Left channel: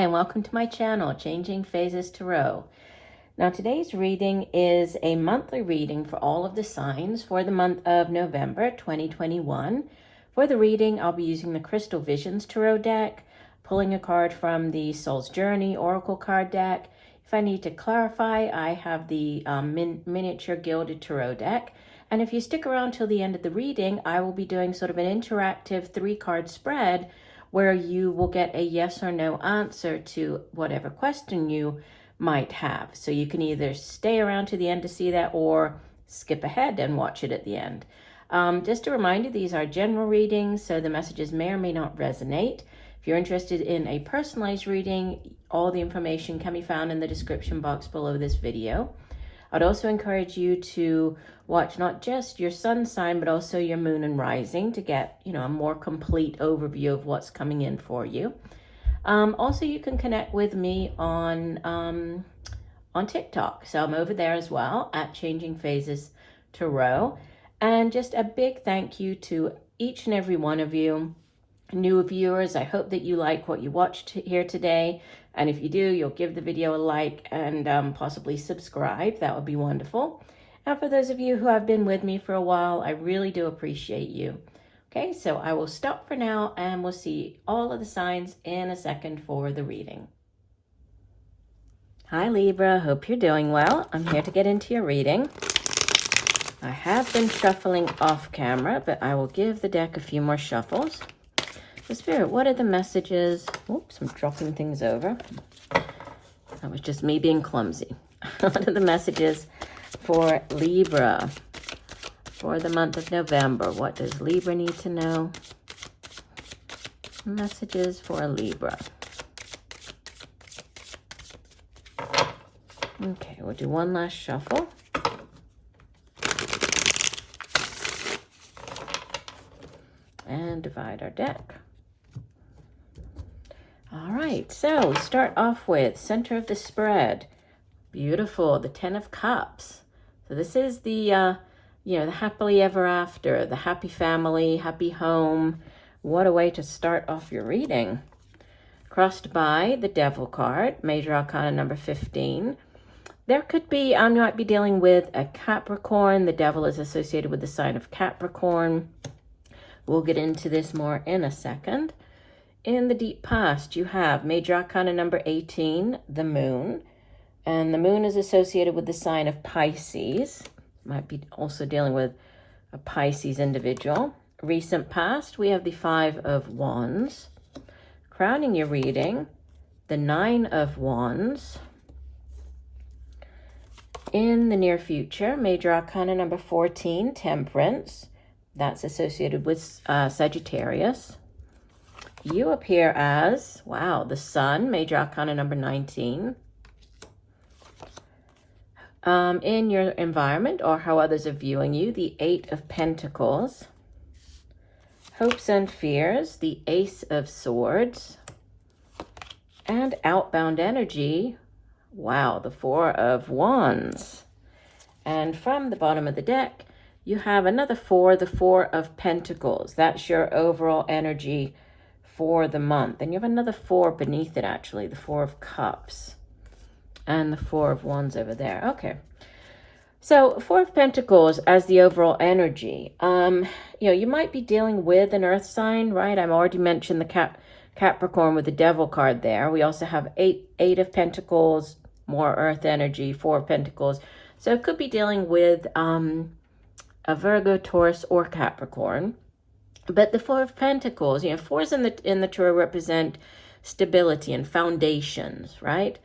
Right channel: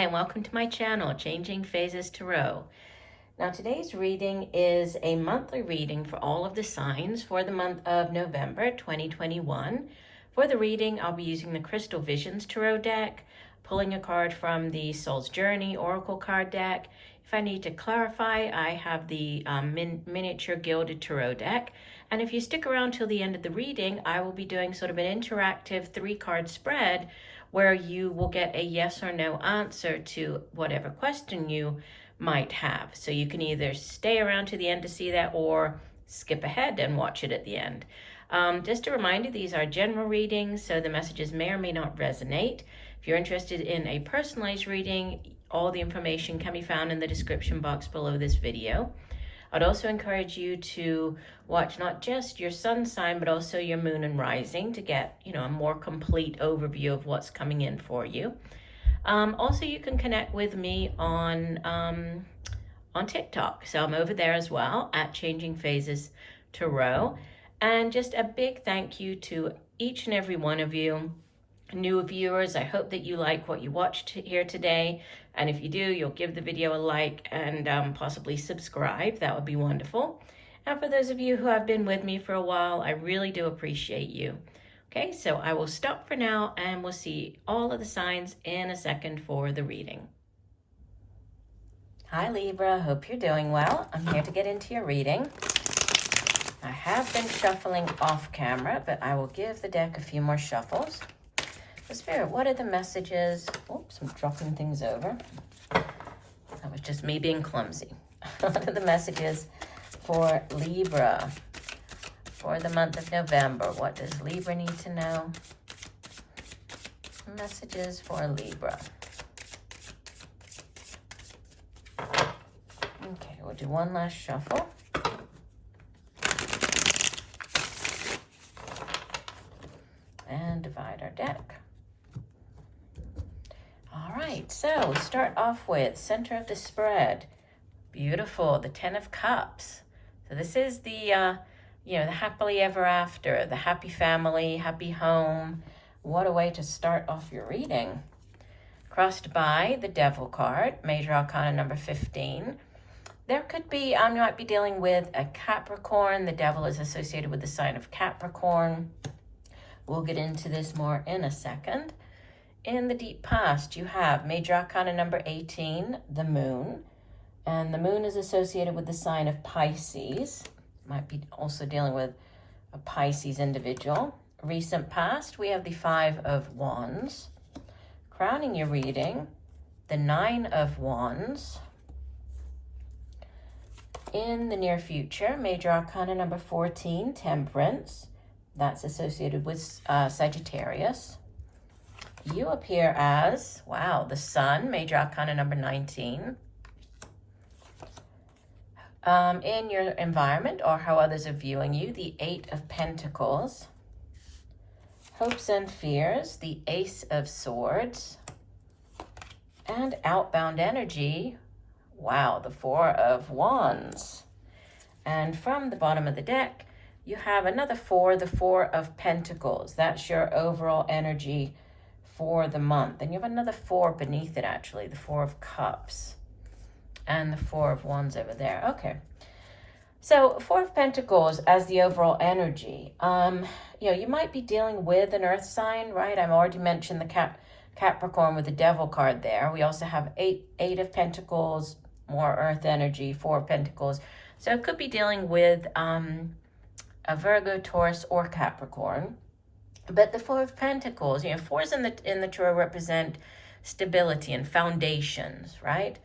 Hi, and welcome to my channel, Changing Phases Tarot. Now, today's reading is a monthly reading for all of the signs for the month of November 2021. For the reading, I'll be using the Crystal Visions Tarot deck, pulling a card from the Soul's Journey Oracle card deck. If I need to clarify, I have the miniature gilded tarot deck. And if you stick around till the end of the reading, I will be doing sort of an interactive 3-card spread where you will get a yes or no answer to whatever question you might have. So you can either stay around to the end to see that or skip ahead and watch it at the end. Just a reminder, these are general readings, so the messages may or may not resonate. If you're interested in a personalized reading, all the information can be found in the description box below this video. I'd also encourage you to watch not just your sun sign, but also your moon and rising to get, a more complete overview of what's coming in for you. Also, you can connect with me on TikTok. So I'm over there as well at Changing Phases Tarot. And just a big thank you to each and every one of you. New viewers, I hope that you like what you watched here today. And if you do, you'll give the video a like and possibly subscribe. That would be wonderful. And for those of you who have been with me for a while, I really do appreciate you. Okay, so I will stop for now and we'll see all of the signs in a second for the reading. Hi Libra, hope you're doing well. I'm here to get into your reading. I have been shuffling off camera, but I will give the deck a few more shuffles. So Spirit, what are the messages? Whoops, I'm dropping things over. That was just me being clumsy. What are the messages for Libra for the month of November? What does Libra need to know? Messages for Libra. Okay, we'll do one last shuffle. And divide our deck. All right, so start off with center of the spread. Beautiful, the 10 of Cups. So this is the, the happily ever after, the happy family, happy home. What a way to start off your reading. Crossed by the Devil card, Major Arcana number 15. There could be, I might be dealing with a Capricorn. The Devil is associated with the sign of Capricorn. We'll get into this more in a second. In the deep past, you have Major Arcana number 18, the Moon. And the Moon is associated with the sign of Pisces. Might be also dealing with a Pisces individual. Recent past, we have the 5 of Wands. Crowning your reading, the 9 of Wands. In the near future, Major Arcana number 14, Temperance. That's associated with Sagittarius. You appear as, wow, the Sun, Major Arcana number 19. In your environment or how others are viewing you, the 8 of Pentacles. Hopes and fears, the Ace of Swords. And outbound energy, wow, the 4 of Wands. And from the bottom of the deck, you have another 4, the 4 of Pentacles. That's your overall energy for the month. And you have another 4 beneath it, actually, the 4 of Cups. And the 4 of Wands over there. Okay. So 4 of Pentacles as the overall energy. You might be dealing with an earth sign, right? I've already mentioned the Capricorn with the Devil card there. We also have 8 of Pentacles, more earth energy, 4 of Pentacles. So it could be dealing with a Virgo, Taurus, or Capricorn. But the 4 of Pentacles, 4s in the tarot represent stability and foundations, right?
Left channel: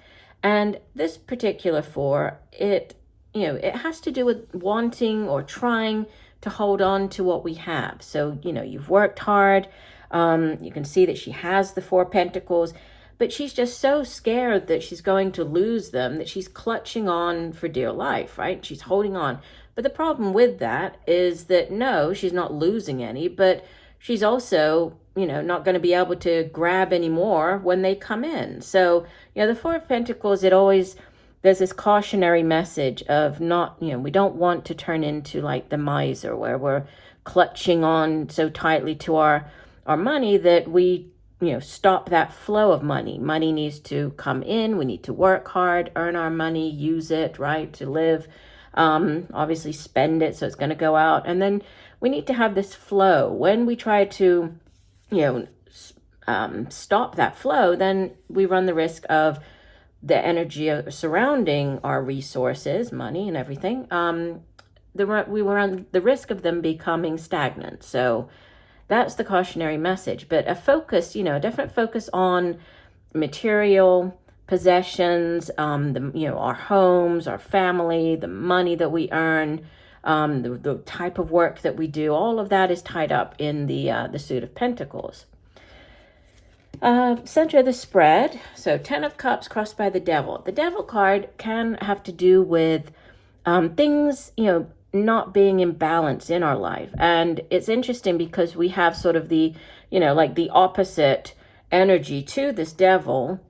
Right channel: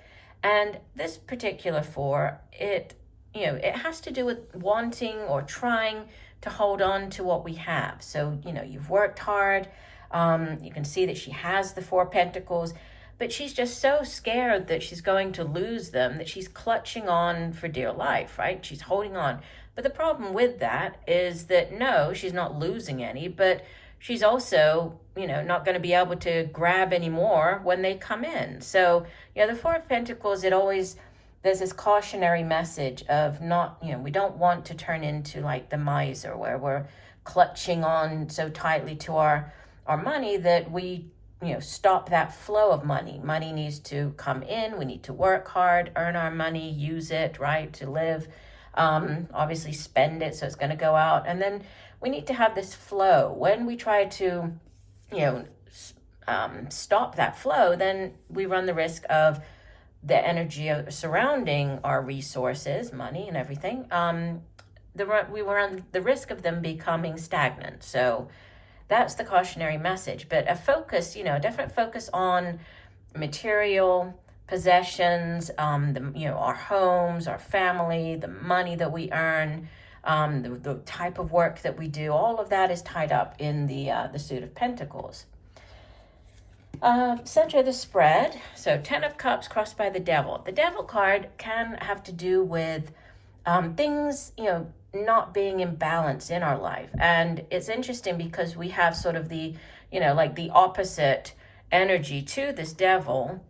And this particular 4, it has to do with wanting or trying to hold on to what we have. So, you've worked hard. You can see that she has the 4 Pentacles, but she's just so scared that she's going to lose them that she's clutching on for dear life, right? She's holding on. But the problem with that is that, no, she's not losing any, but she's also, not going to be able to grab any more when they come in. So, the 4 of Pentacles, there's this cautionary message of not, we don't want to turn into like the miser where we're clutching on so tightly to our money that we stop that flow of money. Money needs to come in. We need to work hard, earn our money, use it, right, to live. Obviously spend it, so it's going to go out. And then we need to have this flow. When we try to, stop that flow, then we run the risk of the energy surrounding our resources, money and everything. We run the risk of them becoming stagnant. So that's the cautionary message. But a focus, a definite focus on material possessions, our homes, our family, the money that we earn, the type of work that we do. All of that is tied up in the Suit of Pentacles. Center of the spread. So 10 of Cups crossed by the Devil. The Devil card can have to do with things, not being in balance in our life. And it's interesting because we have sort of the, like the opposite energy to this Devil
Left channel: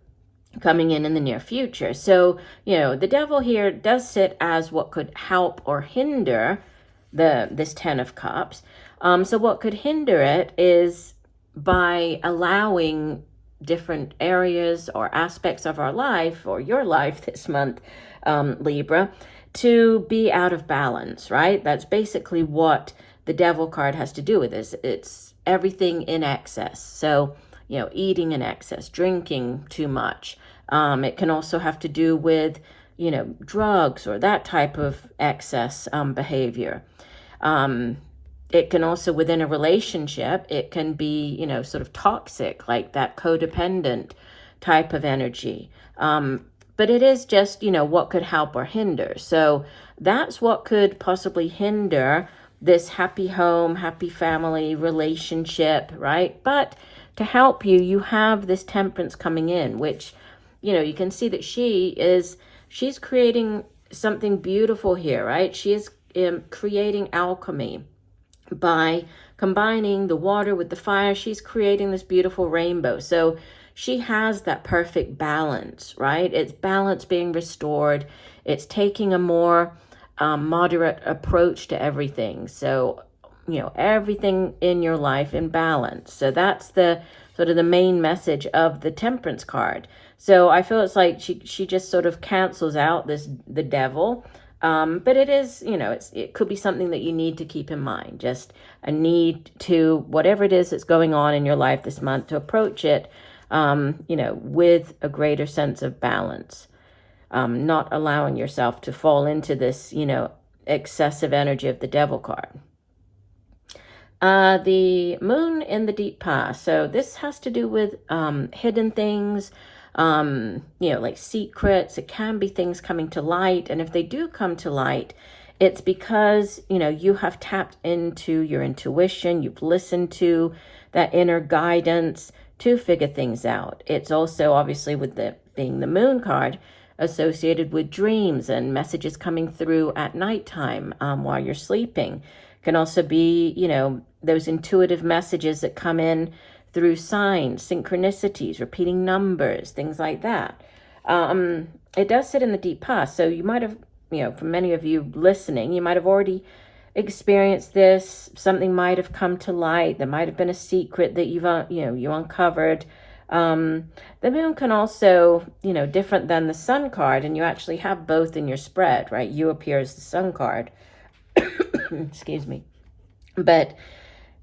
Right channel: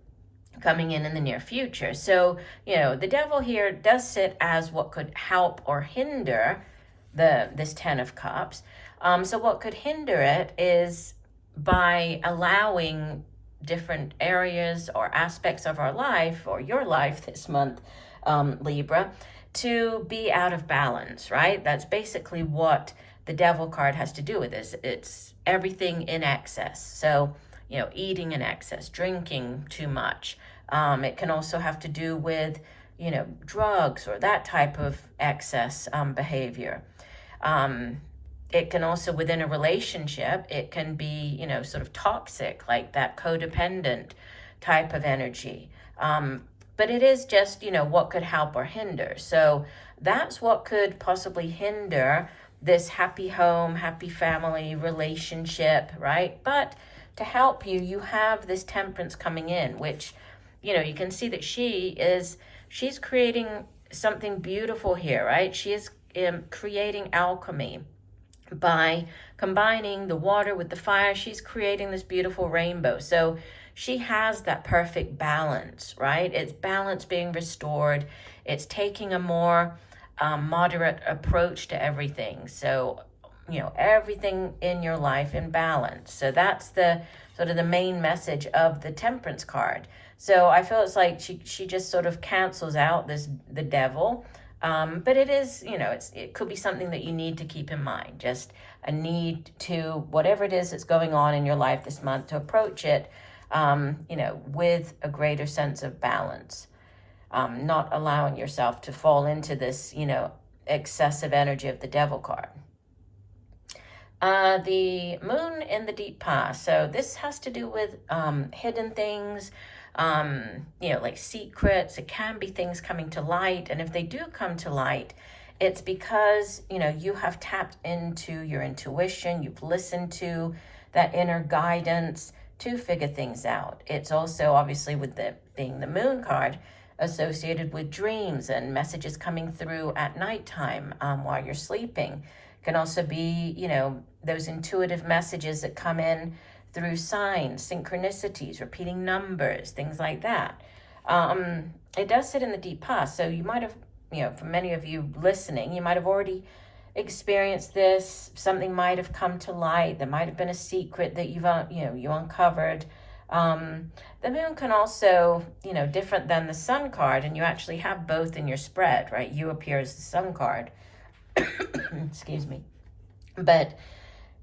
coming in the near future. So, the Devil here does sit as what could help or hinder this 10 of Cups. So what could hinder it is by allowing different areas or aspects of our life, or your life this month, Libra, to be out of balance, right? That's basically what the Devil card has to do with this. It's everything in excess. So, eating in excess, drinking too much. It can also have to do with, drugs or that type of excess behavior. It can also, within a relationship, it can be, sort of toxic, like that codependent type of energy. But it is just, what could help or hinder. So that's what could possibly hinder this happy home, happy family relationship, right? But to help you, you have this Temperance coming in, which, you can see that she's creating something beautiful here, right? She is creating alchemy. By combining the water with the fire, she's creating this beautiful rainbow. So she has that perfect balance, right? It's balance being restored. It's taking a more moderate approach to everything. So, everything in your life in balance. So that's the sort of the main message of the Temperance card. So I feel it's like she just sort of cancels out the Devil. But it is, it could be something that you need to keep in mind, just a need to, whatever it is that's going on in your life this month, to approach it, with a greater sense of balance, not allowing yourself to fall into this, excessive energy of the Devil card. The Moon in the deep past. So this has to do with hidden things, like secrets. It can be things coming to light. And if they do come to light, it's because, you have tapped into your intuition. You've listened to that inner guidance to figure things out. It's also obviously with being the Moon card associated with dreams and messages coming through at nighttime while you're sleeping. Can also be, those intuitive messages that come in through signs, synchronicities, repeating numbers, things like that. It does sit in the deep past. So you might have, for many of you listening, you might have already experienced this. Something might have come to light. There might have been a secret that you uncovered. The Moon can also, different than the Sun card, and you actually have both in your spread, right? You appear as the Sun card. Excuse me. But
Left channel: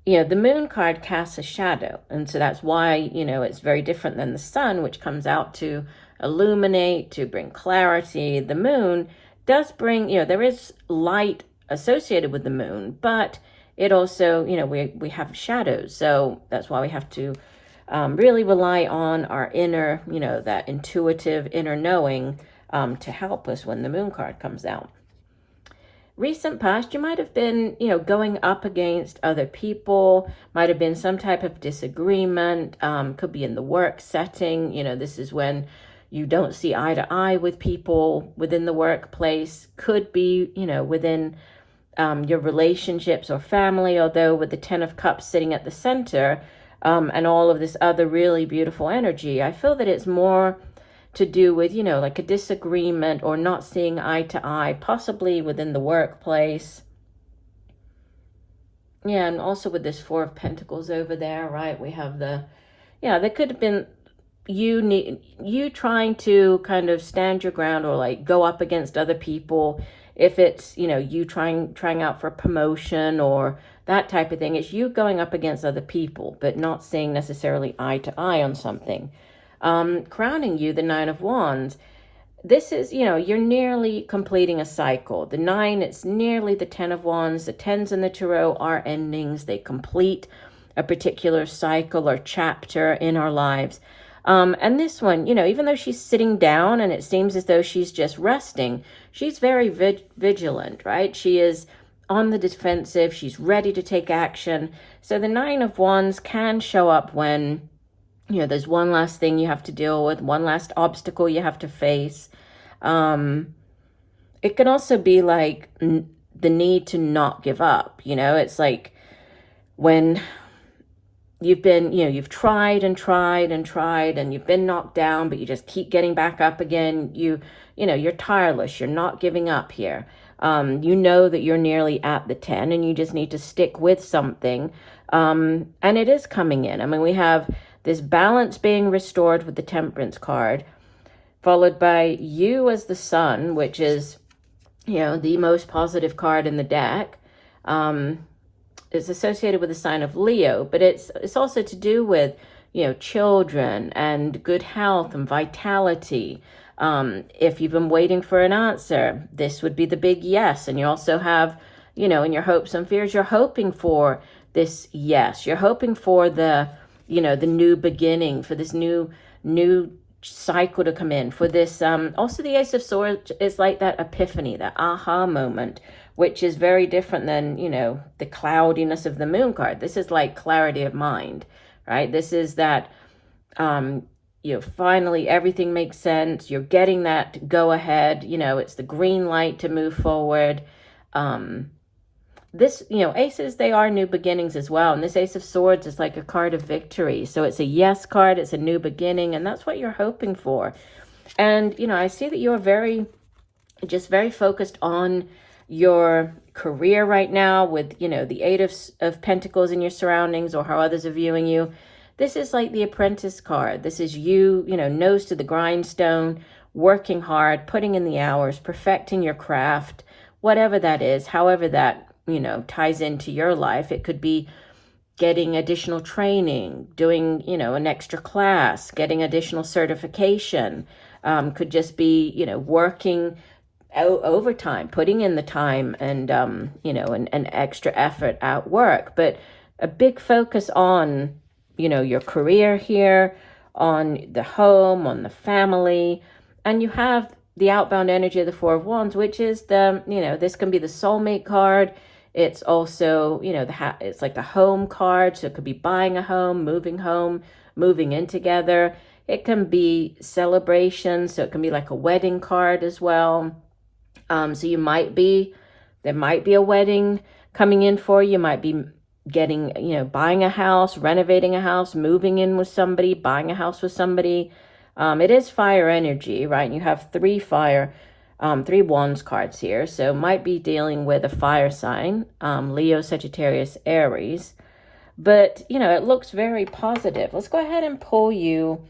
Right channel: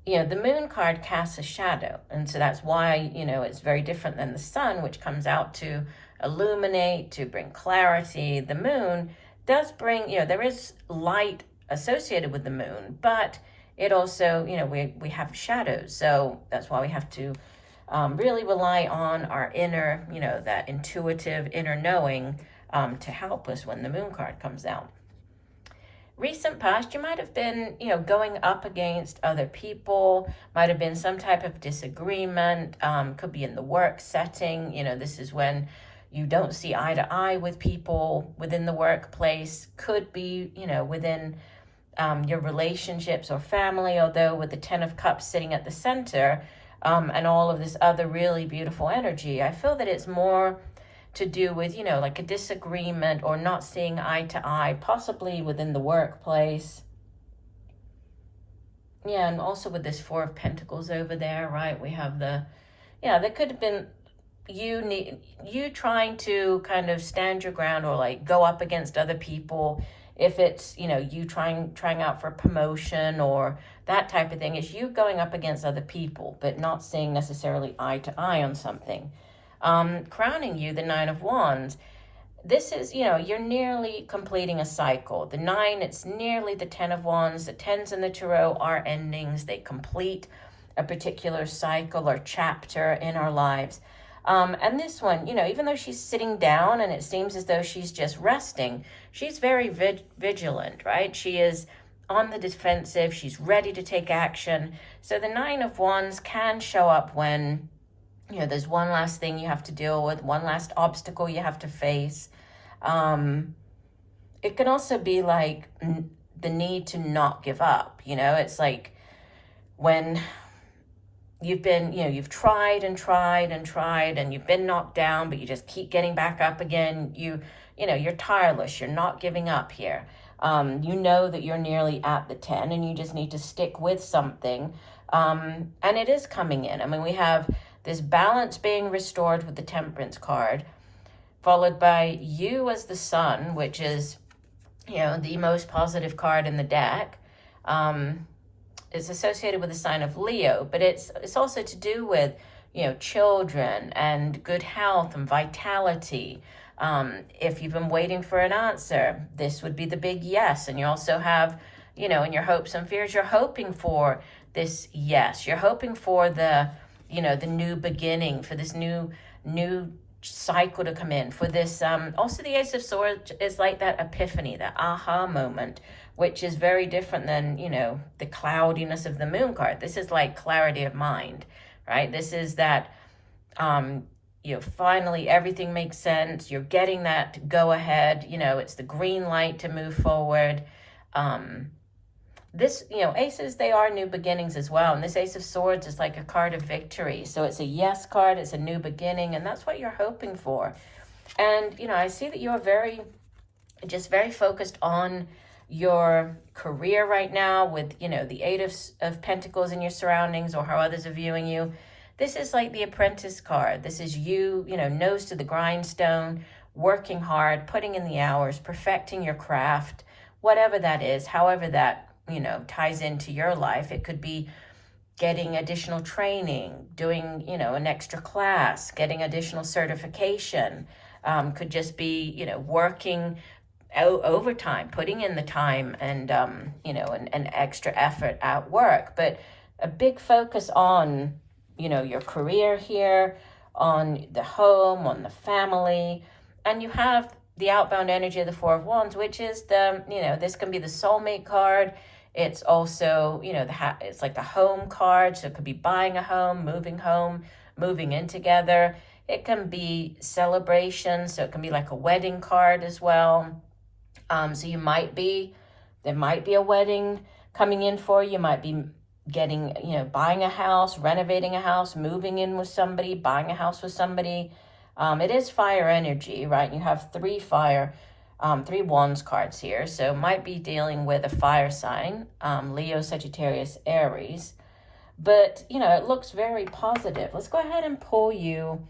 the Moon card casts a shadow, and so that's why it's very different than the Sun, which comes out to illuminate, to bring clarity. The Moon does bring, there is light associated with the Moon, but it also, we have shadows. So that's why we have to really rely on our inner, that intuitive inner knowing to help us when the Moon card comes out. Recent past, you might have been, going up against other people, might have been some type of disagreement, could be in the work setting. This is when you don't see eye to eye with people within the workplace, could be, within your relationships or family, although with the 10 of Cups sitting at the center and all of this other really beautiful energy, I feel that it's more to do with, like a disagreement or not seeing eye to eye, possibly within the workplace. Yeah, and also with this 4 of Pentacles over there, right? We have the, yeah, there could have been you trying to kind of stand your ground or like go up against other people. If it's, you know, you trying out for promotion or that type of thing, it's you going up against other people, but not seeing necessarily eye to eye on something. Crowning you the Nine of Wands. This is, you know, you're nearly completing a cycle. The 9, it's nearly the 10 of Wands. The 10s in the Tarot are endings. They complete a particular cycle or chapter in our lives. And this one, you know, even though she's sitting down and it seems as though she's just resting, she's very vigilant, right? She is on the defensive. She's ready to take action. So the 9 of Wands can show up when, you know, there's one last thing you have to deal with, one last obstacle you have to face. It can also be like the need to not give up. You know, it's like when you've been, you know, you've tried and tried and tried and you've been knocked down, but you just keep getting back up again. You know, you're tireless. You're not giving up here. You know that you're nearly at the 10 and you just need to stick with something. And it is coming in. I mean, we have this balance being restored with the Temperance card, followed by you as the Sun, which is, you know, the most positive card in the deck. It's associated with the sign of Leo, but it's also to do with, you know, children and good health and vitality. If you've been waiting for an answer, this would be the big yes. And you also have, you know, in your hopes and fears, you're hoping for this yes. You're hoping for the, you know, the new beginning, for this new cycle to come in, for this. Also, the Ace of Swords is like that epiphany, that aha moment, which is very different than, you know, the cloudiness of the Moon card. This is like clarity of mind, right? This is that, you know, finally everything makes sense. You're getting that go ahead, you know, it's the green light to move forward. This, you know, aces, they are new beginnings as well. And this Ace of Swords is like a card of victory. So it's a yes card, it's a new beginning, and that's what you're hoping for. And, you know, I see that you're very focused on your career right now with, you know, the 8 of Pentacles in your surroundings or how others are viewing you. This is like the Apprentice card. This is you, you know, nose to the grindstone, working hard, putting in the hours, perfecting your craft, whatever that is, however that, you know, ties into your life. It could be getting additional training, doing, you know, an extra class, getting additional certification. Could just be, you know, working overtime, putting in the time and, you know, an extra effort at work. But a big focus on, you know, your career here, on the home, on the family. And you have the outbound energy of the 4 of Wands, which is the, you know, this can be the soulmate card. It's also, you know, it's like a home card. So it could be buying a home, moving in together. It can be celebration. So it can be like a wedding card as well. So there might be a wedding coming in for you. You might be getting, you know, buying a house, renovating a house, moving in with somebody, buying a house with somebody. It is fire energy, right? And you have 3 Wands cards here. So might be dealing with a fire sign, Leo, Sagittarius, Aries. But, you know, it looks very positive. Let's go ahead and pull you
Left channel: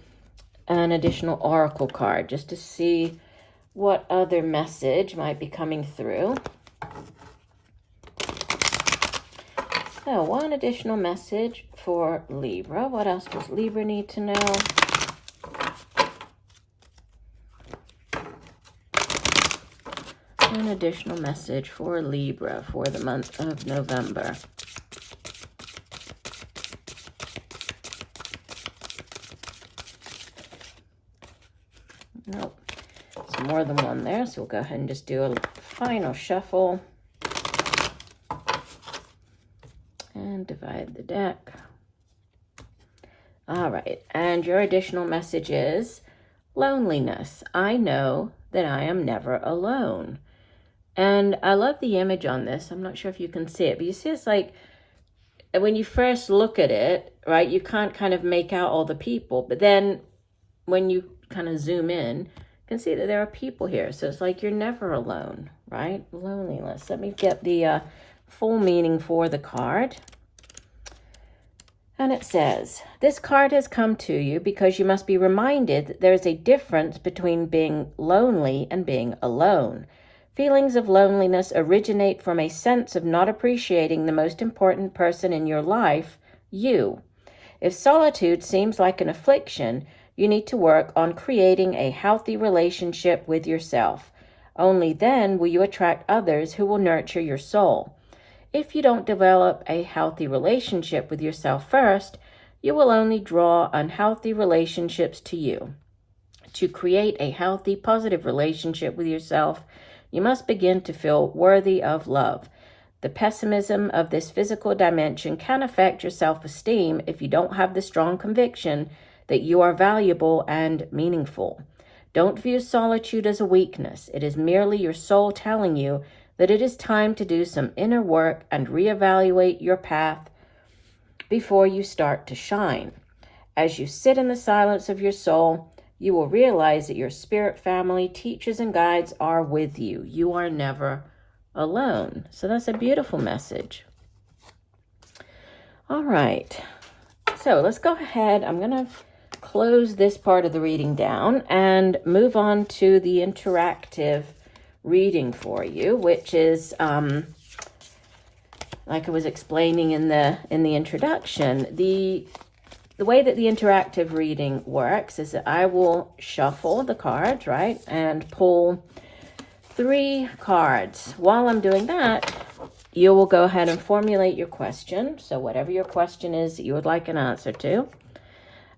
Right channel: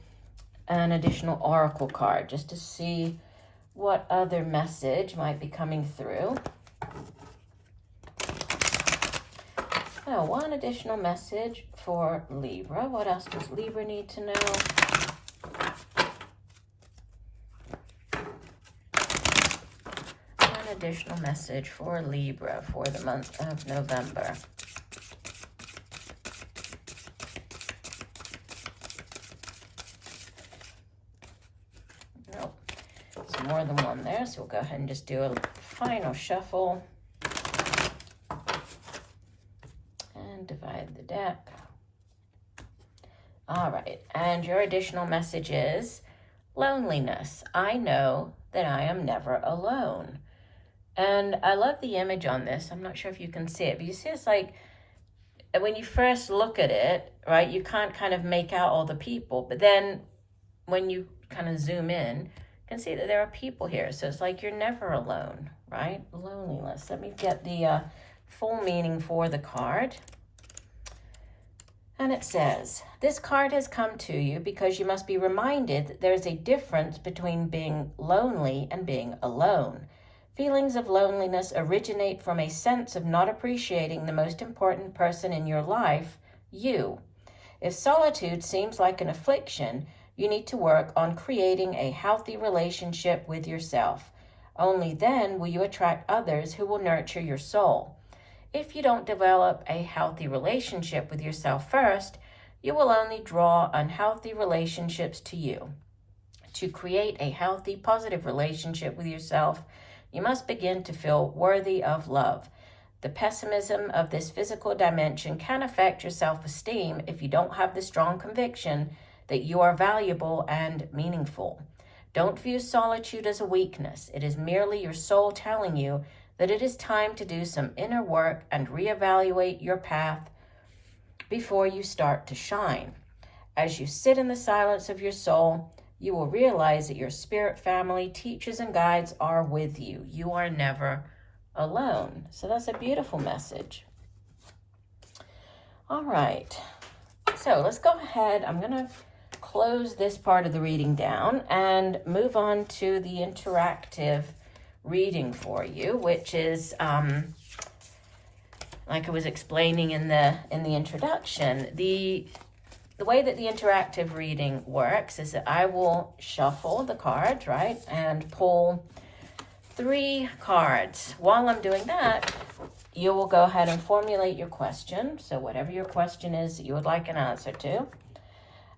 an additional oracle card just to see what other message might be coming through. So, one additional message for Libra. What else does Libra need to know? An additional message for Libra for the month of November. Nope. There's more than one there, so we'll go ahead and just do a final shuffle. And divide the deck. All right, and your additional message is loneliness. I know that I am never alone. And I love the image on this. I'm not sure if you can see it, but you see it's like when you first look at it, right, you can't kind of make out all the people. But then when you kind of zoom in, you can see that there are people here. So it's like you're never alone, right? Loneliness. Let me get the full meaning for the card. And it says, this card has come to you because you must be reminded that there is a difference between being lonely and being alone. Feelings of loneliness originate from a sense of not appreciating the most important person in your life, you. If solitude seems like an affliction, you need to work on creating a healthy relationship with yourself. Only then will you attract others who will nurture your soul. If you don't develop a healthy relationship with yourself first, you will only draw unhealthy relationships to you. To create a healthy, positive relationship with yourself, you must begin to feel worthy of love. The pessimism of this physical dimension can affect your self-esteem if you don't have the strong conviction that you are valuable and meaningful. Don't view solitude as a weakness. It is merely your soul telling you that it is time to do some inner work and reevaluate your path before you start to shine. As you sit in the silence of your soul, you will realize that your spirit family, teachers, and guides are with you. You are never alone. So that's a beautiful message. All right. So let's go ahead. I'm going to close this part of the reading down and move on to the interactive reading for you, which is like I was explaining in the introduction. The way that the interactive reading works is that I will shuffle the cards, right, and pull 3 cards. While I'm doing that, you will go ahead and formulate your question. So whatever your question is that you would like an answer to.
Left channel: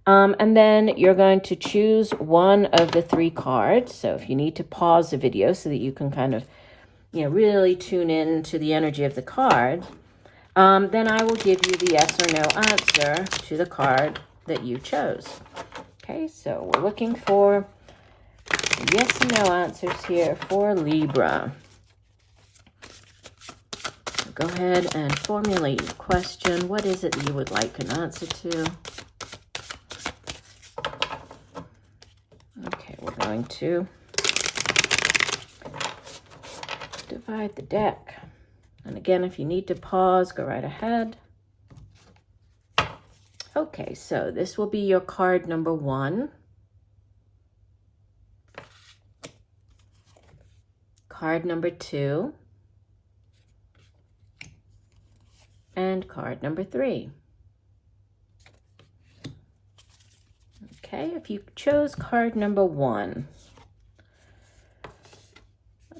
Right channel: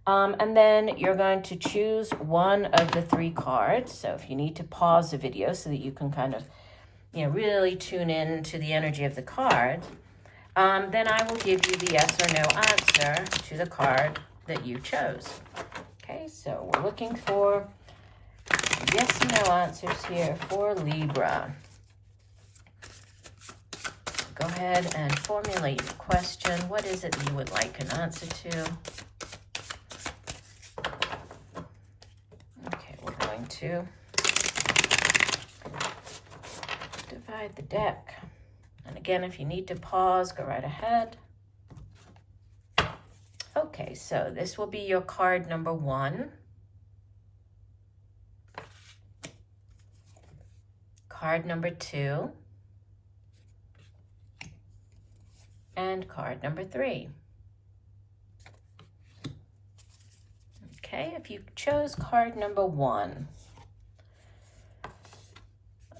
And then you're going to choose one of the 3 cards. So if you need to pause the video so that you can kind of, really tune in to the energy of the card, then I will give you the yes or no answer to the card that you chose. Okay, so we're looking for yes and no answers here for Libra. Go ahead and formulate your question. What is it that you would like an answer to? Okay, we're going to divide the deck. And again, if you need to pause, go right ahead. Okay, so this will be your card number 1. Card number 2. And card number 3. Okay, if you chose card number 1,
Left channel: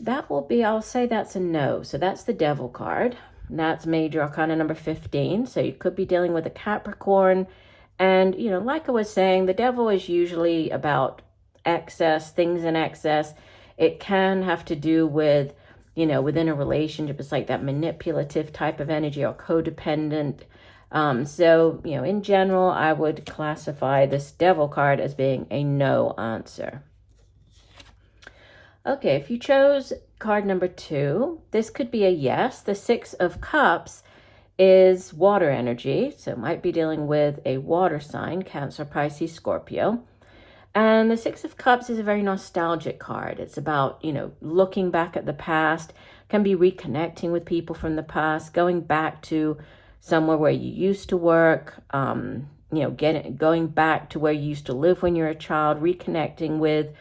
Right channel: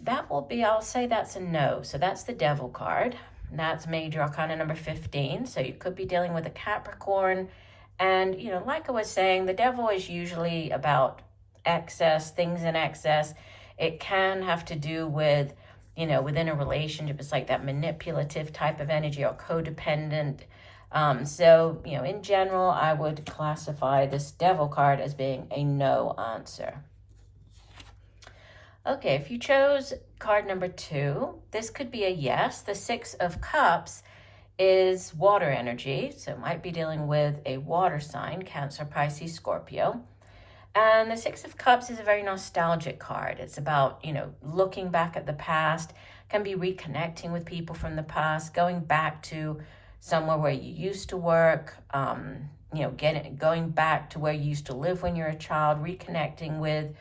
that will be, I'll say that's a no. So that's the Devil card. And that's Major Arcana number 15. So you could be dealing with a Capricorn. And, like I was saying, the Devil is usually about excess, things in excess. It can have to do with, within a relationship, it's like that manipulative type of energy or codependent. So, in general, I would classify this Devil card as being a no answer. Okay, if you chose card number 2, this could be a yes. The 6 of Cups is water energy, so it might be dealing with a water sign, Cancer, Pisces, Scorpio. And the 6 of Cups is a very nostalgic card. It's about, looking back at the past, can be reconnecting with people from the past, going back to somewhere where you used to work, going back to where you used to live when you were a child, reconnecting with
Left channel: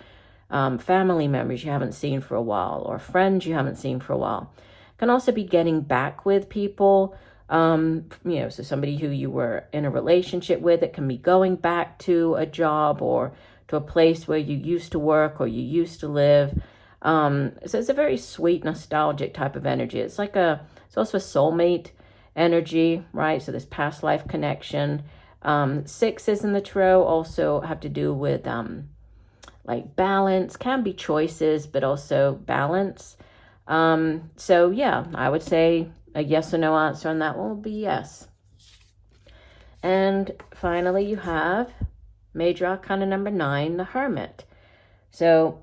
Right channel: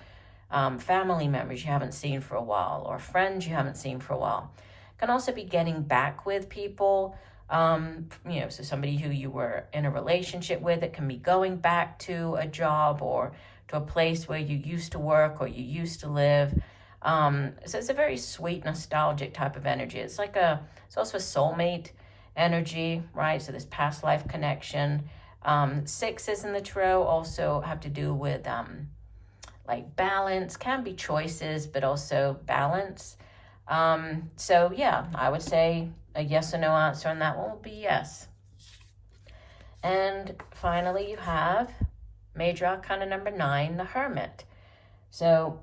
family members you haven't seen for a while or friends you haven't seen for a while. Can also be getting back with people, so somebody who you were in a relationship with. It can be going back to a job or to a place where you used to work or you used to live. So it's a very sweet, nostalgic type of energy. It's also a soulmate energy, right? So this past life connection. 6s in the tarot also have to do with like balance, can be choices, but also balance. So yeah, I would say a yes or no answer, and that will be yes. And finally, you have Major Arcana number 9, the Hermit. So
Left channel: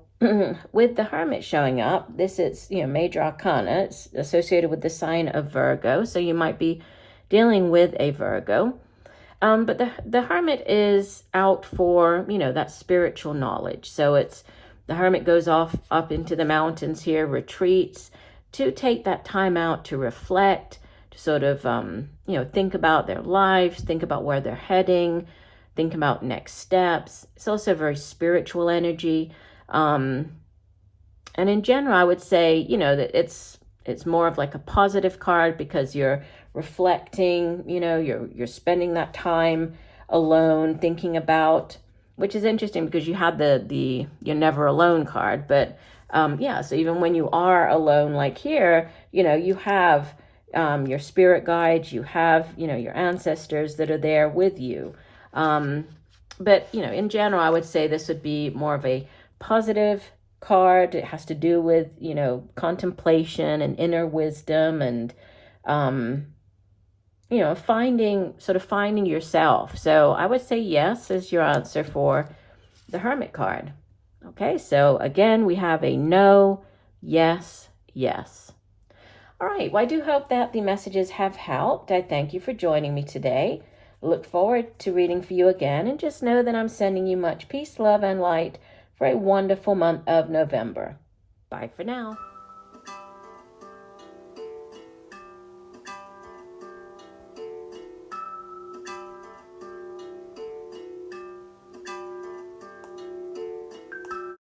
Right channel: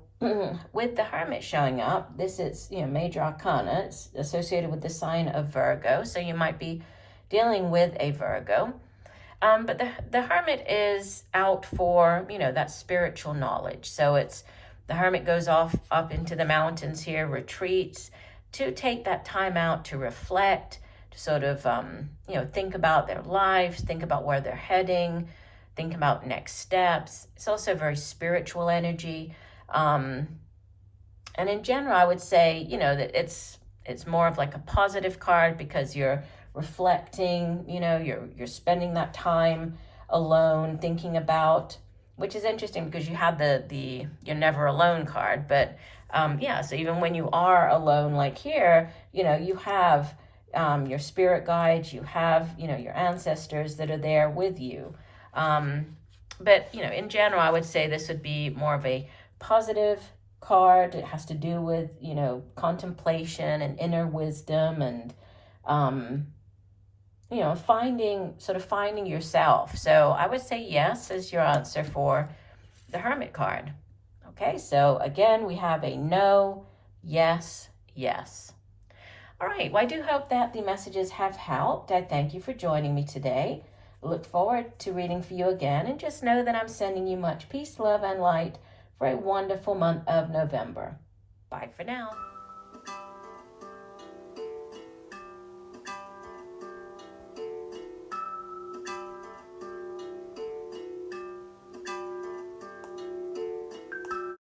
with the Hermit showing up, this is, Major Arcana. It's associated with the sign of Virgo, so you might be dealing with a Virgo. But the Hermit is out for, that spiritual knowledge. So the Hermit goes off up into the mountains here, retreats, to take that time out to reflect, to sort of, you know, think about their lives, think about where they're heading, think about next steps. It's also a very spiritual energy. And in general, I would say, you know, that it's more of like a positive card because you're reflecting, you know, you're spending that time alone thinking about, which is interesting because you had the you're never alone card, but yeah, so even when you are alone, like here, you know, you have your spirit guides, you have, you know, your ancestors that are there with you. But, you know, in general, I would say this would be more of a positive card. It has to do with, you know, contemplation and inner wisdom and, you know, finding yourself. So I would say yes is your answer for the Hermit card. Okay, so again, we have a no, yes, yes. All right, well, I do hope that the messages have helped. I thank you for joining me today. Look forward to reading for you again, and just know that I'm sending you much peace, love, and light for a wonderful month of November. Bye for now.